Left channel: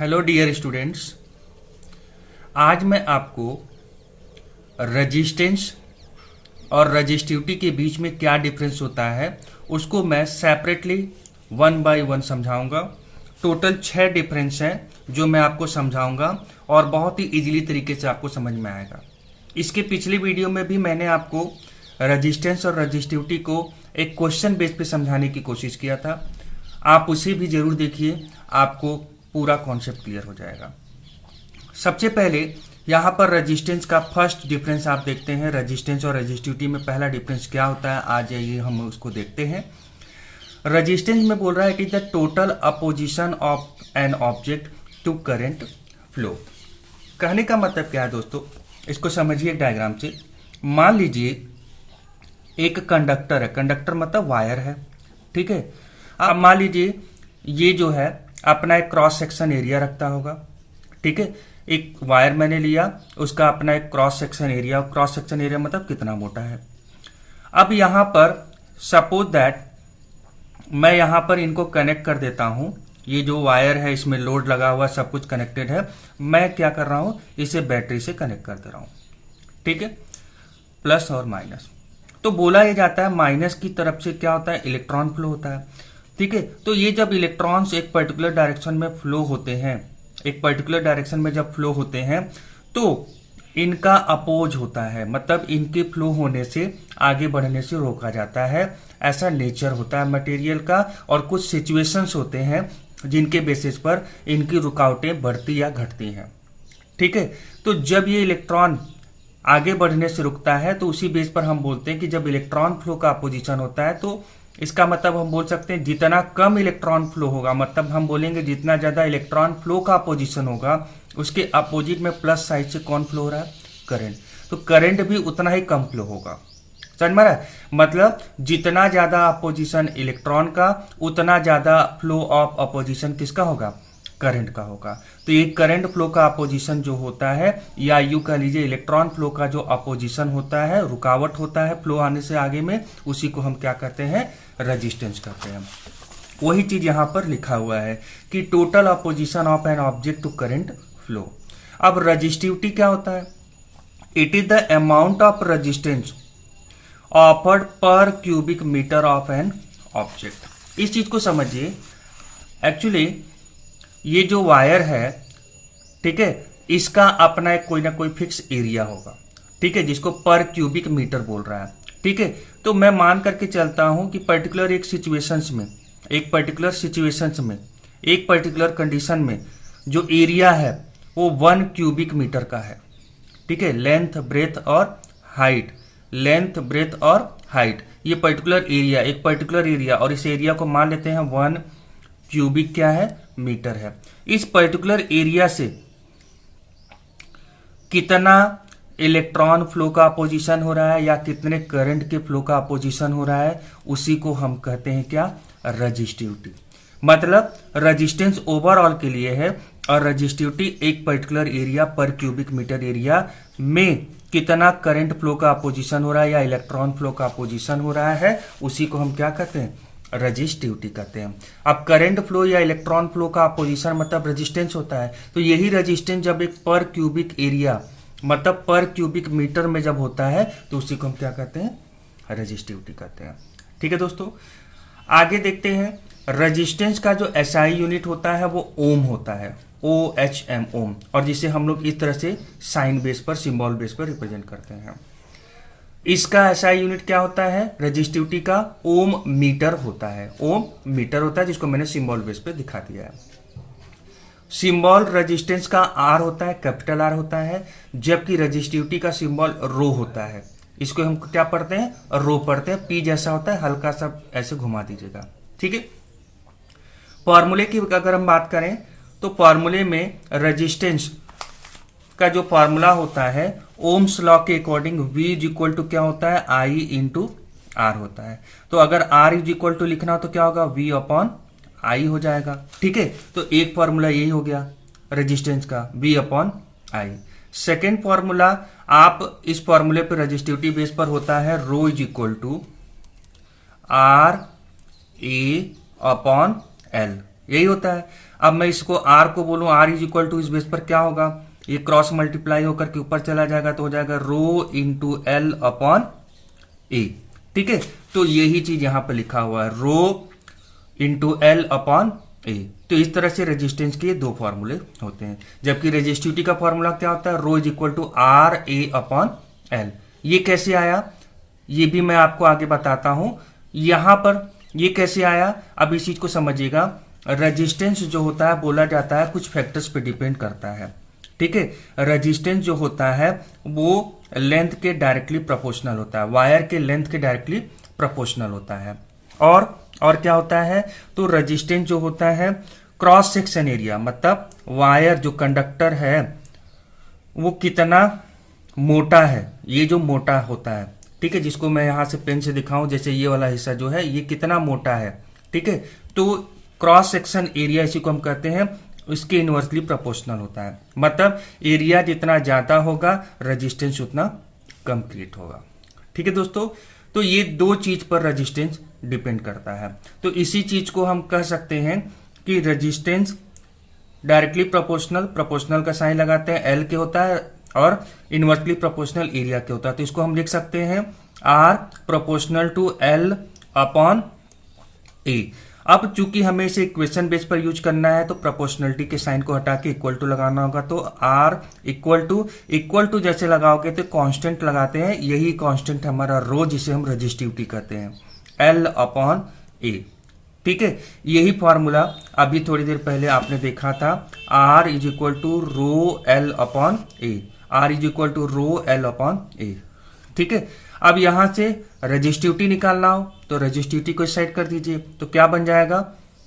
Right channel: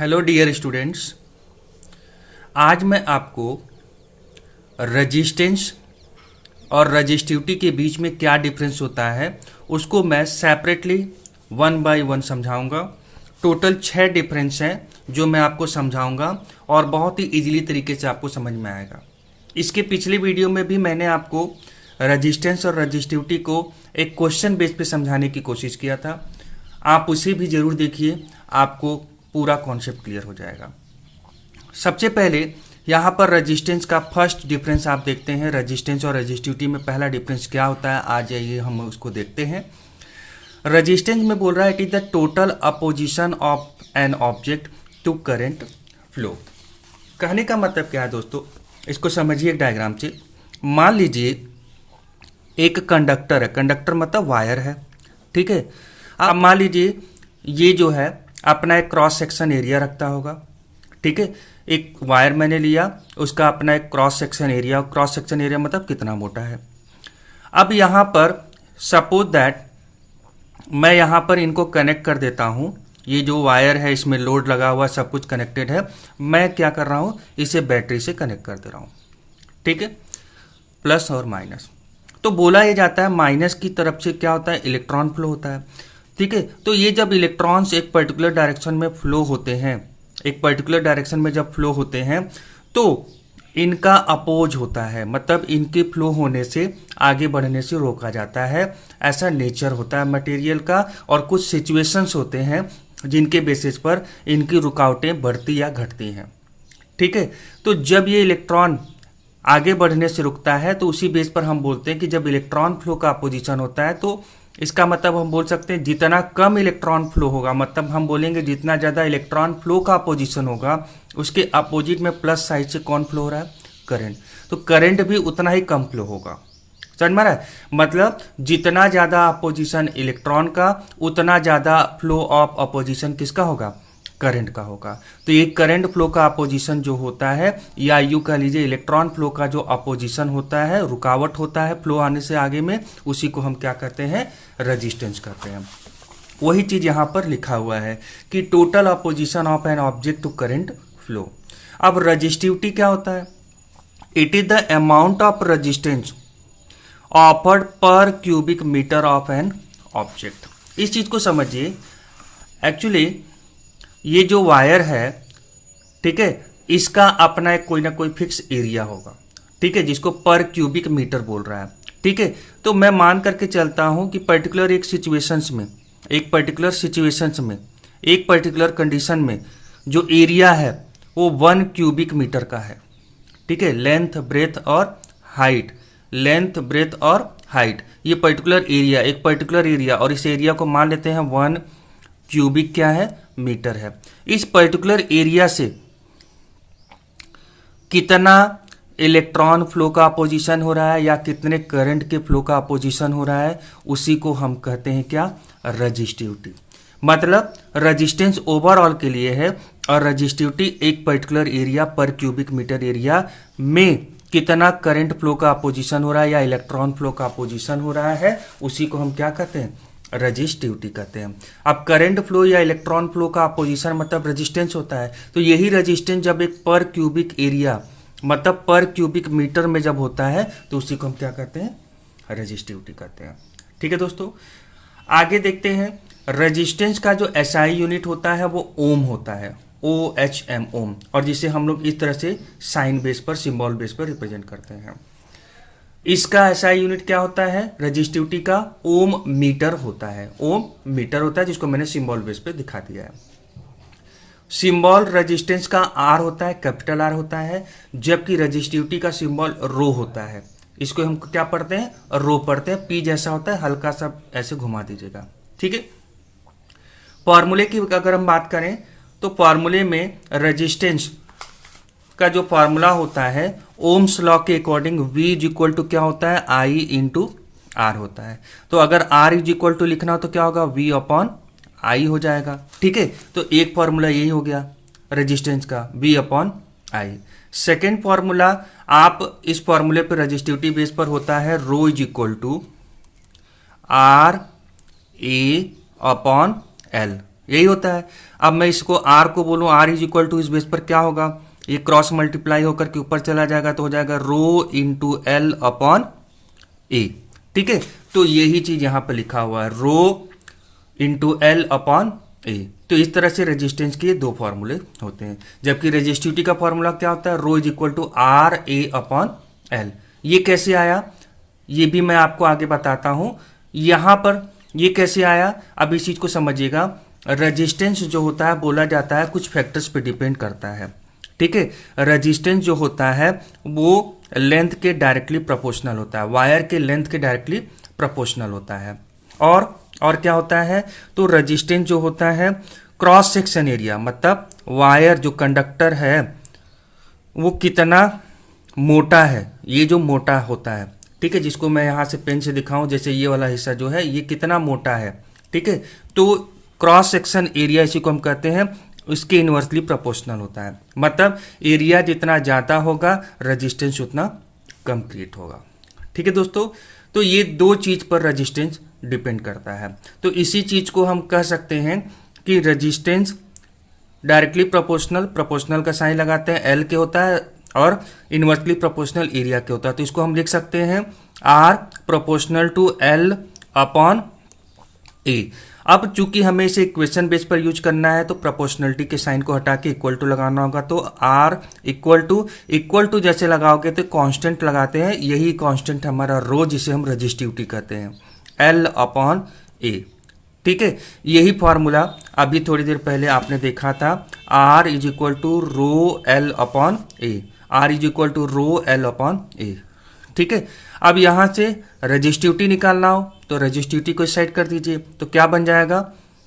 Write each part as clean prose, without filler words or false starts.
Hello dear students. आज मैं आपको रजिस्टेंस और रजिस्टिविटी के बीच में क्या डिफरेंस होता है उसको मैं सेपरेटली वन बाय वन समझाऊंगा। टोटल 6 डिफरेंस हैं जो मैं आपको समझाऊंगा और बहुत ही इजीली तरीके से आपको समझ में आएगा। इसके पिछले वीडियो में भी मैंने आपको रजिस्टेंस और रजिस्टिविटी को एक क्वेश्चन बेस पे समझाने की कोशिश किया था। आप उसे भी जरूर देखिए, आपको पूरा कॉन्सेप्ट क्लियर हो जाएगा। सबसे पहले यहाँ पर रेजिस्टेंस का फर्स्ट डिफरेंस आप देखते हैं। रेजिस्टेंस और रेजिस्टिविटी में पहला डिफरेंस क्या होता है, आ जाइए हम उसको देखते हैं। रेजिस्टेंस में बोल रहा है it is the total opposition of an object to current flow. कहने का मतलब क्या है दोस्तों, इसको समझिए एक डायग्राम से। मान लीजिए एक कंडक्टर है, कंडक्टर मतलब वायर है, ठीक है। अब मान लीजिए ये जो है अपना एक क्रॉस सेक्शन एरिया रखता होगा, ठीक है। एक वायर मैंने लिया, उसका अपना एक cross section area, cross section area मतलब कितना मोटा है। अब यहां पर सपोज दैट मैं यहां पर इनको कनेक्ट कर देता हूं। ये जो वायर है इसमें लोड लगा हुआ, सब कुछ कनेक्टेड है। मैं क्या कर रहा हूं, इसे बैटरी से कनेक्ट कर दे रहा हूं, ठीक है, प्लस और माइनस। तो बोला यह जाता है माइनस की तरफ से क्या होता है, इलेक्ट्रॉन फ्लो होता है, ठीक है। तो ये जब इलेक्ट्रॉन्स एक पर्टिकुलर डायरेक्शन में फ्लो होते हैं, एक पर्टिकुलर डायरेक्शन में जब फ्लो होते हैं तो इनका अपोज होता है, मतलब इनके फ्लो होने से, आगे बढ़ने से रोका जाता है। ऐसा नेचर होता है मटेरियल का। और कुछ सिचुएशंस होते हैं जिनके बेसिस पर इनकी रुकावटें बढ़ती या घटती हैं, ठीक है। तो जब ये इलेक्ट्रॉन आगे बढ़ने से रुकता है तो उसी बेस पर हम बोलते हैं कि जब इलेक्ट्रॉन फ्लो का अपोजिशन होता है तो इसका मतलब हम बोल सकते हैं जितना कम इलेक्ट्रॉन फ्लो होगा, मतलब हम बोलेंगे जितना ज्यादा इलेक्ट्रॉन फ्लो का अपोजिशन होगा उसके अपोजिट में प्लस साइड से कौन फ्लो हो रहा है, करंट। तो करंट भी उतना ही कम फ्लो होगा। समझ में आ रहा है, मतलब जितना ज्यादा अपोजिशन इलेक्ट्रॉन का उतना ज्यादा फ्लो ऑफ अपोजिशन किसका होगा, करंट का होगा। तो ये करंट फ्लो का अपोजिशन जो होता है, या यूं कह लीजिए इलेक्ट्रॉन फ्लो का जो अपोजिशन होता है, रुकावट होता है फ्लो आने से आगे में, उसी को हम क्या कहते हैं, रेजिस्टेंस कहते हैं। वही चीज यहां पर लिखा हुआ है कि total opposition of an object to current flow. अब रेजिस्टिविटी क्या होता है, it is the amount of resistance offered पर cubic metre of an object. इस चीज को समझिए। एक्चुअली ये जो वायर है, ठीक है, इसका अपना एक कोई ना कोई फिक्स एरिया होगा, ठीक है, जिसको पर क्यूबिक मीटर बोल रहा है, ठीक है। तो मैं मान करके चलता हूं कि पर्टिकुलर एक सिचुएशंस में, एक पर्टिकुलर कंडीशन में जो एरिया है वो 1 क्यूबिक मीटर का है, ठीक है। लेंथ ब्रेथ और हाइट, लेंथ ब्रेथ और हाइट, ये पर्टिकुलर एरिया, एक पर्टिकुलर एरिया, और इस एरिया को मान लेते हैं 1 क्यूबिक क्या है, मीटर है। इस पर्टिकुलर एरिया से कितना इलेक्ट्रॉन फ्लो का अपोजिशन हो रहा है या कितने करंट के फ्लो का अपोजिशन हो रहा है, उसी को हम कहते हैं क्या, रजिस्टिविटी। मतलब रेजिस्टेंस ओवरऑल के लिए है और रजिस्टिविटी एक पर्टिकुलर एरिया पर क्यूबिक मीटर एरिया में कितना करंट फ्लो का अपोजिशन हो रहा है या इलेक्ट्रॉन फ्लो का अपोजिशन हो रहा है, उसी को हम क्या कहते हैं, रजिस्टिविटी कहते हैं। अब करंट फ्लो या इलेक्ट्रॉन फ्लो का अपोजिशन मतलब रेजिस्टेंस होता है। तो यही रेजिस्टेंस जब एक पर क्यूबिक एरिया मतलब पर क्यूबिक मीटर में जब होता है तो उसी को हम क्या कहते हैं, रेजिस्टिविटी कहते हैं, ठीक है दोस्तों। आगे देखते हैं। रेजिस्टेंस का जो एसआई यूनिट होता है वो ओम होता है, OHM, ओम, और जिसे हम लोग इस तरह से साइन बेस पर, सिंबल बेस पर रिप्रेजेंट करते हैं। इसका एसआई यूनिट क्या होता है, रेजिस्टिविटी का ओम मीटर होता है, ओम मीटर होता है, जिसको मैंने सिंबल बेस पे दिखा दिया है। सिंबल रेजिस्टेंस का आर होता है, कैपिटल आर होता है, जबकि रेजिस्टिविटी का सिंबल रो होता है। इसको हम क्या पढ़ते हैं, रो पढ़ते हैं। पी जैसा होता है, हल्का सा ऐसे घुमा दीजिएगा, ठीक है। फॉर्मूले की अगर हम बात करें तो फॉर्मूले में रेजिस्टेंस का जो फॉर्मूला होता है ओम्स लॉ के according V is equal to क्या होता है, I इंटू R होता है। तो अगर R इज इक्वल टू लिखना हो तो क्या होगा, V अपॉन I हो जाएगा, ठीक है। तो एक फॉर्मूला यही हो गया रेजिस्टेंस का, V upon I। Second formula, आप इस फॉर्मूले पर रेजिस्टिविटी बेस पर होता है rho is equal to R A upon L। यही होता है। अब मैं इसको आर को बोलूं, आर इज इक्वल टू, इस बेस पर क्या होगा, ये क्रॉस मल्टीप्लाई होकर के ऊपर चला जाएगा तो हो जाएगा rho into L upon A. ठीक है, तो यही चीज यहां पर लिखा हुआ है, रो इंटू एल अपॉन ए। तो इस तरह से रेजिस्टेंस के दो फॉर्मूले होते हैं, जबकि रेजिस्टिविटी का फॉर्मूला क्या होता है, rho is equal to R A upon L. ये कैसे आया ये भी मैं आपको आगे बताता हूं। यहां पर ये कैसे आया, अब इस चीज को समझिएगा। रेजिस्टेंस जो होता है बोला जाता है कुछ फैक्टर्स पे डिपेंड करता है। ठीक है, रेजिस्टेंस जो होता है वो लेंथ के डायरेक्टली प्रोपोर्शनल होता है, वायर के लेंथ के डायरेक्टली प्रोपोर्शनल होता है। और क्या होता है, तो रेजिस्टेंस जो होता है क्रॉस सेक्शन एरिया, मतलब वायर जो कंडक्टर है वो कितना मोटा है, ये जो मोटा होता है, ठीक है, जिसको मैं यहां से पेन से दिखाऊं, जैसे ये वाला हिस्सा जो है ये कितना मोटा है। ठीक है, तो क्रॉस सेक्शन एरिया इसी को हम कहते हैं, इसके इनवर्सली प्रोपोर्शनल होता है, मतलब एरिया जितना ज्यादा होगा रेजिस्टेंस उतना कम क्रिएट होगा। ठीक है दोस्तों, तो ये दो चीज पर रेजिस्टेंस डिपेंड करता है। तो इसी चीज को हम कह सकते हैं कि रेजिस्टेंस डायरेक्टली प्रोपोर्शनल, प्रोपोर्शनल का साइन लगाते हैं, एल के होता है, और इनवर्सली प्रोपोर्शनल एरिया के होता है। तो इसको हम लिख सकते हैं R proportional to L upon A. अब चूंकि हमें इसे इक्वेशन बेस पर यूज करना है तो प्रोपोर्शनलिटी के साइन को हटा के इक्वल टू लगाना होगा। तो आर इक्वल टू जैसे लगाओगे तो कांस्टेंट लगाते हैं, यही कांस्टेंट हमारा रो जिसे हम रेजिस्टिविटी कहते हैं, एल अपॉन ए। ठीक है, यही फॉर्मूला अभी थोड़ी देर पहले आपने देखा था, R is equal to rho L upon A, R is equal to rho L upon A. ठीक है, अब यहां से रेजिस्टिविटी निकालना हो तो रेजिस्टिविटी को इस साइड कर दीजिए, तो क्या बन जाएगा,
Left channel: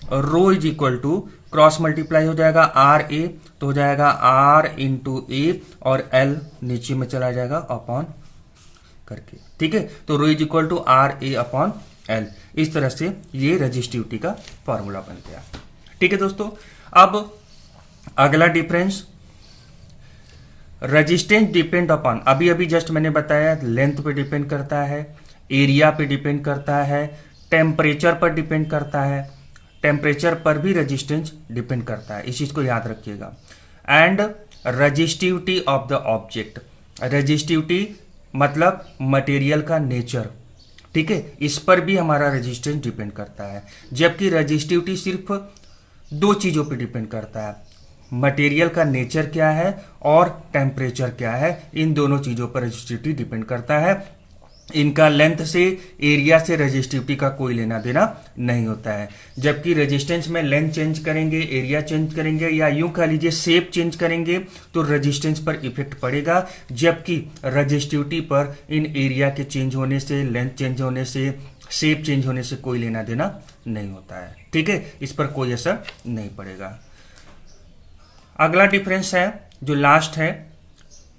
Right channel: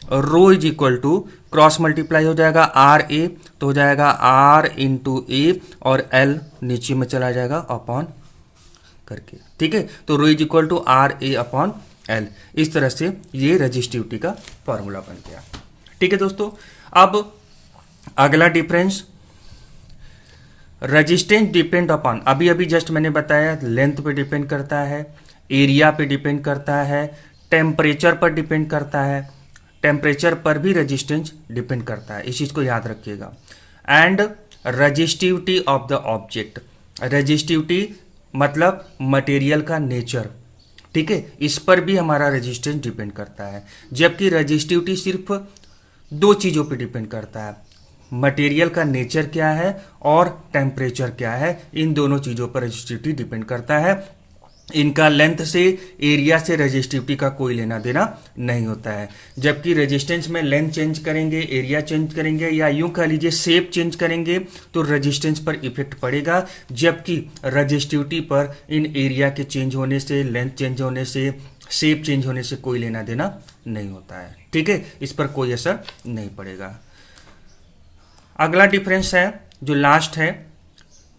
rho is equal to cross multiply हो जाएगा आर ए, तो हो जाएगा आर इंटू ए, और एल नीचे में चला जाएगा अपॉन करके। ठीक है, तो rho is equal to R A upon L. इस तरह से ये रेजिस्टिविटी का फॉर्मूला बन गया। ठीक है दोस्तों, अब अगला डिफरेंस, रेजिस्टेंस डिपेंड अपॉन, अभी जस्ट मैंने बताया लेंथ पे डिपेंड करता है, एरिया पे डिपेंड करता है, टेम्परेचर पर डिपेंड करता है, टेम्परेचर पर भी रेजिस्टेंस डिपेंड करता है, इस चीज को याद रखिएगा। And resistivity of the object, resistivity मतलब मटेरियल का नेचर, ठीक है, इस पर भी हमारा रेजिस्टेंस डिपेंड करता है। जबकि रेजिस्टिविटी सिर्फ दो चीजों पे डिपेंड करता है, मटेरियल का नेचर क्या है और टेम्परेचर क्या है, इन दोनों चीजों पर रेजिस्टिविटी डिपेंड करता है। इनका लेंथ से, एरिया से रेजिस्टिविटी का कोई लेना देना नहीं होता है। जबकि रेजिस्टेंस में लेंथ चेंज करेंगे, एरिया चेंज करेंगे, या यूं कह लीजिए शेप चेंज करेंगे तो रेजिस्टेंस पर इफेक्ट पड़ेगा। जबकि रेजिस्टिविटी पर इन एरिया के चेंज होने से, लेंथ चेंज होने से, शेप चेंज होने से कोई लेना देना नहीं होता है। ठीक है, इस पर कोई असर नहीं पड़ेगा। अगला डिफरेंस है जो लास्ट है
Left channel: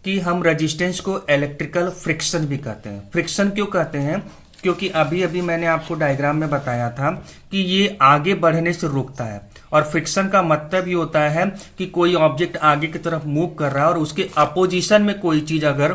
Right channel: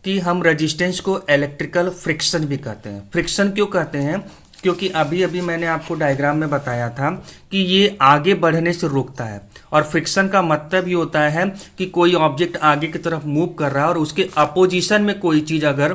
कि हम रेजिस्टेंस को इलेक्ट्रिकल फ्रिक्शन भी कहते हैं। फ्रिक्शन क्यों कहते हैं, क्योंकि अभी मैंने आपको डायग्राम में बताया था कि ये आगे बढ़ने से रोकता है, और फ्रिक्शन का मतलब ये होता है कि कोई ऑब्जेक्ट आगे की तरफ मूव कर रहा है और उसके अपोजिशन में कोई चीज अगर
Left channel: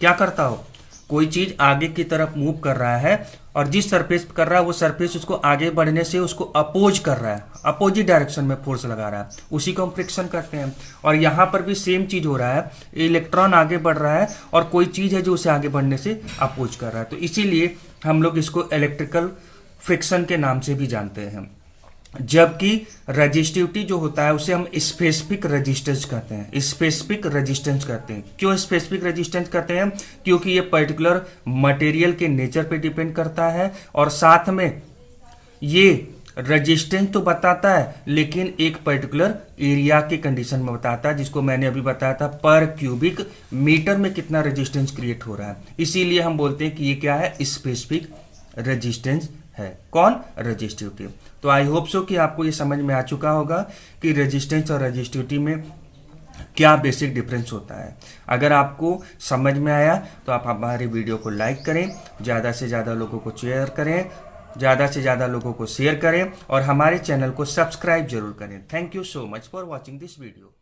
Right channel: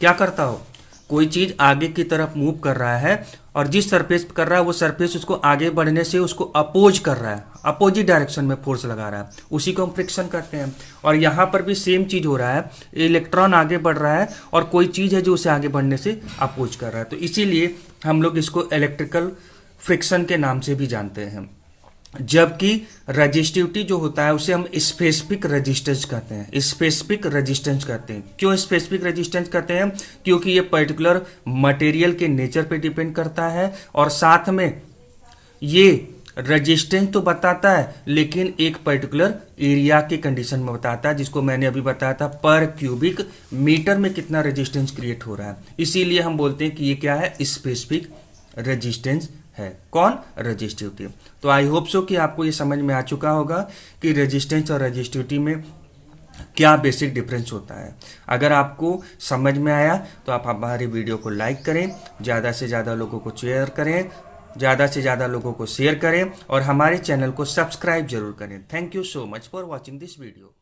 क्या करता हो, कोई चीज आगे की तरफ मूव कर रहा है और जिस सरफेस पर कर रहा है वो सरफेस उसको आगे बढ़ने से उसको अपोज कर रहा है, अपोजिट डायरेक्शन में फोर्स लगा रहा है, उसी को हम फ्रिक्शन करते हैं। और यहां पर भी सेम चीज हो रहा है, इलेक्ट्रॉन आगे बढ़ रहा है और कोई चीज है जो उसे आगे बढ़ने से अपोज कर रहा है, तो इसीलिए हम लोग इसको इलेक्ट्रिकल फ्रिक्शन के नाम से भी जानते हैं। जबकि रेजिस्टिविटी जो होता है उसे हम स्पेसिफिक रेजिस्टेंस कहते हैं, स्पेसिफिक रेजिस्टेंस कहते हैं। क्यों स्पेसिफिक रेजिस्टेंस कहते हैं, क्योंकि ये पर्टिकुलर मटेरियल के नेचर पे डिपेंड करता है, और साथ में ये रेजिस्टेंस तो बताता है लेकिन एक पर्टिकुलर एरिया की कंडीशन में बताता है, जिसको मैंने अभी बताया था पर क्यूबिक मीटर में कितना रेजिस्टेंस क्रिएट हो रहा है। इसीलिए हम बोलते हैं कि ये क्या है, स्पेसिफिक रेजिस्टेंस है। कौन, रेजिस्टिविटी। तो आई होप सो कि आपको ये समझ में आ चुका होगा कि रेजिस्टेंस और रेजिस्टिविटी में क्या बेसिक डिफरेंस होता है। अगर आपको समझ में आया तो आप हमारी वीडियो को लाइक करें, ज़्यादा से ज़्यादा लोगों को शेयर करें, ज़्यादा से ज़्यादा लोगों को शेयर करें, और हमारे चैनल को सब्सक्राइब जरूर करें। Thank you so much for watching this video.